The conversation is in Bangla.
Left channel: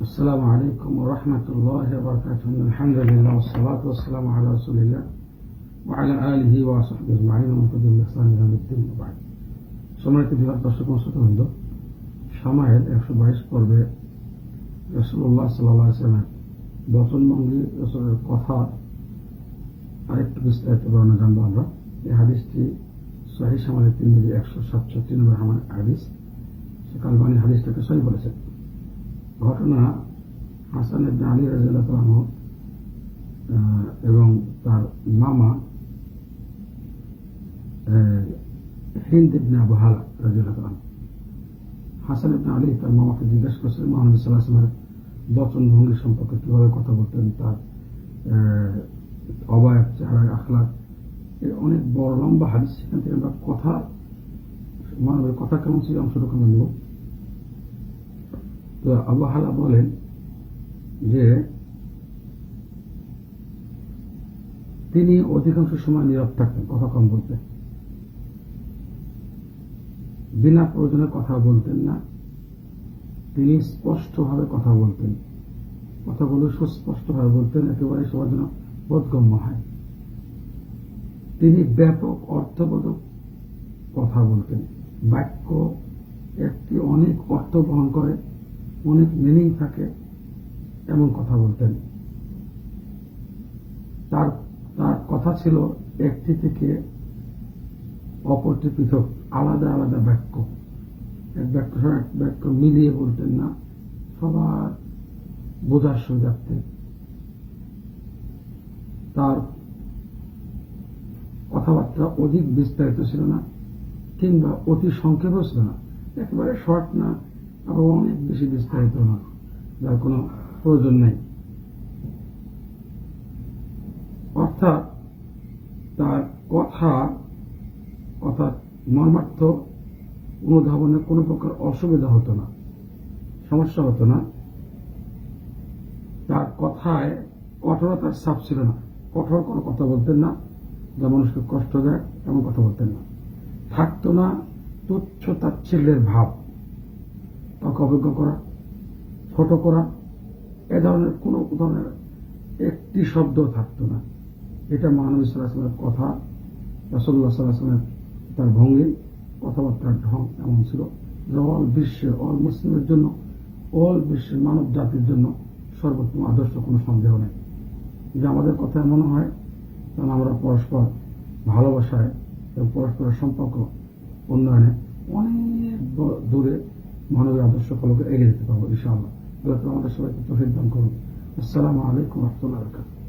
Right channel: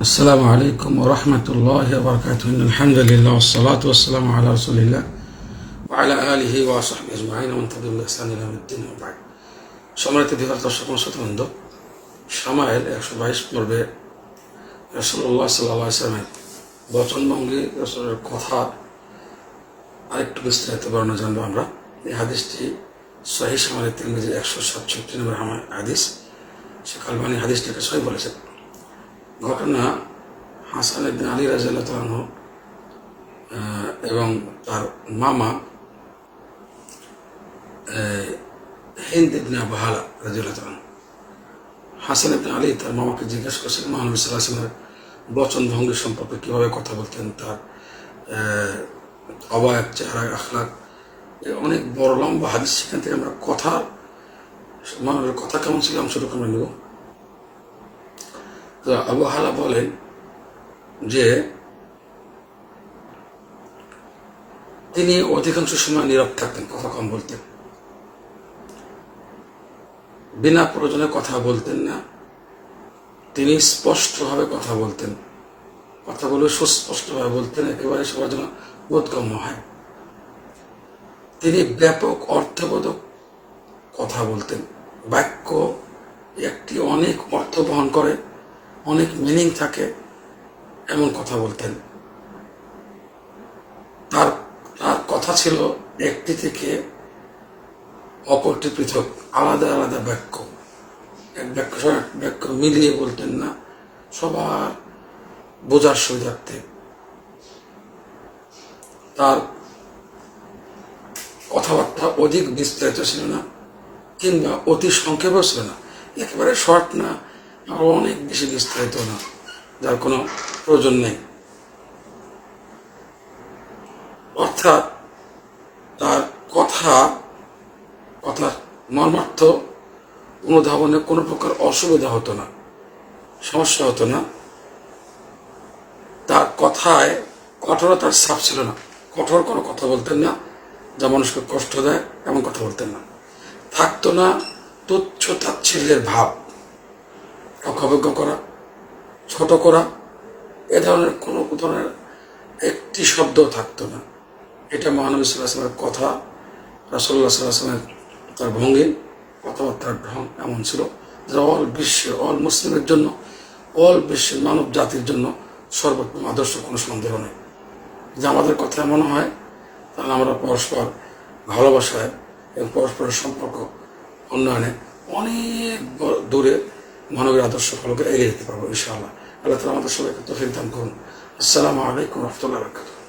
السلام عليكم ورحمة الله وبركاته إن الحمد لله والصلاة والسلام على رسول الله وعلى آله وصحبه أجمعين ومن تبعهم بإحسان إلى يوم الدين وبعد সম্মানিত দিবার দর্শক শ্রোতবৃন্দ সামায়েল একশো বাইশ পর্বে রসল্লাহ সাল্লাহ ইসলামের বচনভঙ্গি রসলের কথা আরেকটু বিস্তারিত বর্ণনা জানবো আমরা এই হাদিসটি সহি সামালের তিন একশো সাতষট্টি নম্বর আমার হাদিস সে কালবানি হাদিসটাকে সহি বলেছেন ঘটনা হাসান ইবনে আলী রাজিয়াল্লাহ তালাহ এবং তার মামা হিন্দ ইবনে আবু হালা রাজিয়াল্লাহ হাসান ইবনে আলী তার মামাকে জিজ্ঞাসা করছিলেন মহানবী সাল্লাহ আসলামের বচন ভঙ্গি সম্পর্কে কীভাবে কথা বলতেন, তার অবায়ক চেহারা, আখলাক অনেক বড় লম্বা হাদিস। সেখান থেকে আমরা কথা মানবের কথা কেমন ছিল, অংশটুকু আমরা নেব। আবু বলেন যে তিনি অধিকাংশ সময় নীরব থাকতেন, কথা কম বলতেন। বিনা প্রয়োজনে কথা বলতেন না। তিনি স্পষ্টভাবে কথা বলতেন। কথাগুলো সুস্পষ্টভাবে বলতেন, একেবারে সবার জন্য বোধগম্য হয়। তিনি ব্যাপক অর্থবোধক কথা বলতেন। বাক্য একটি অনেক অর্থ বহন করে। অনেক মিনিং থাকে এমন কথা বলতেন। তার তার কথা ছিল একটি থেকে অপরটি পৃথক, আলাদা আলাদা বাক্য। এক বাক্য এক বাক্য মিলিয়ে বলতেন না, সবার বোঝার সুবিধার্থে। তার কথাবার্তা অধিক বিস্তারিত ছিল না, কিংবা অতি সংক্ষেপও ছিল না, একেবারে শর্ট না আর অনেক বেশি বিস্তারিত না, যার কোনো প্রয়োজন নেই। অর্থাৎ তার কথা কথার মর্মার্থ অনুধাবনে কোনো প্রকার অসুবিধা হতো না, সমস্যা হতো না। তার কথায় কঠোরতার ছাপ ছিল না। কঠোর কোনো কথা বলতেন না, যা মানুষকে কষ্ট দেয়, এমন কথা বলতেন না। থাকতো না তুচ্ছ তাচ্ছিল্যের ভাব। অবজ্ঞ করা, ছোট করা, এ ধরনের কোনো ধরনের একটি শব্দ থাকতো না। এটা মহানবী সাল্লাহামের কথা রাসুল্লাহ সাল্লাহামের তার ভঙ্গি কথাবার্তার ঢং এমন ছিল যা অল বিশ্বের, অল মুসলিমের জন্য, অল বিশ্বের মানব জাতির জন্য সর্বোত্তম আদর্শ কোনো সন্দেহ নেই। যে আমাদের কথা এমন হয়, তাহলে আমরা পরস্পর ভালোবাসায় এবং পরস্পরের সম্পর্ক উন্নয়নে অনেক দূরে মানবের আদর্শ ফলকে এগিয়ে যেতে পারব, ইনশাআল্লাহ। আল্লাহ তালা আমাদের সবাইকে তফিক দান করুন। আসসালামু আলাইকুম রহমতুল্লাহ বরকাতুহ।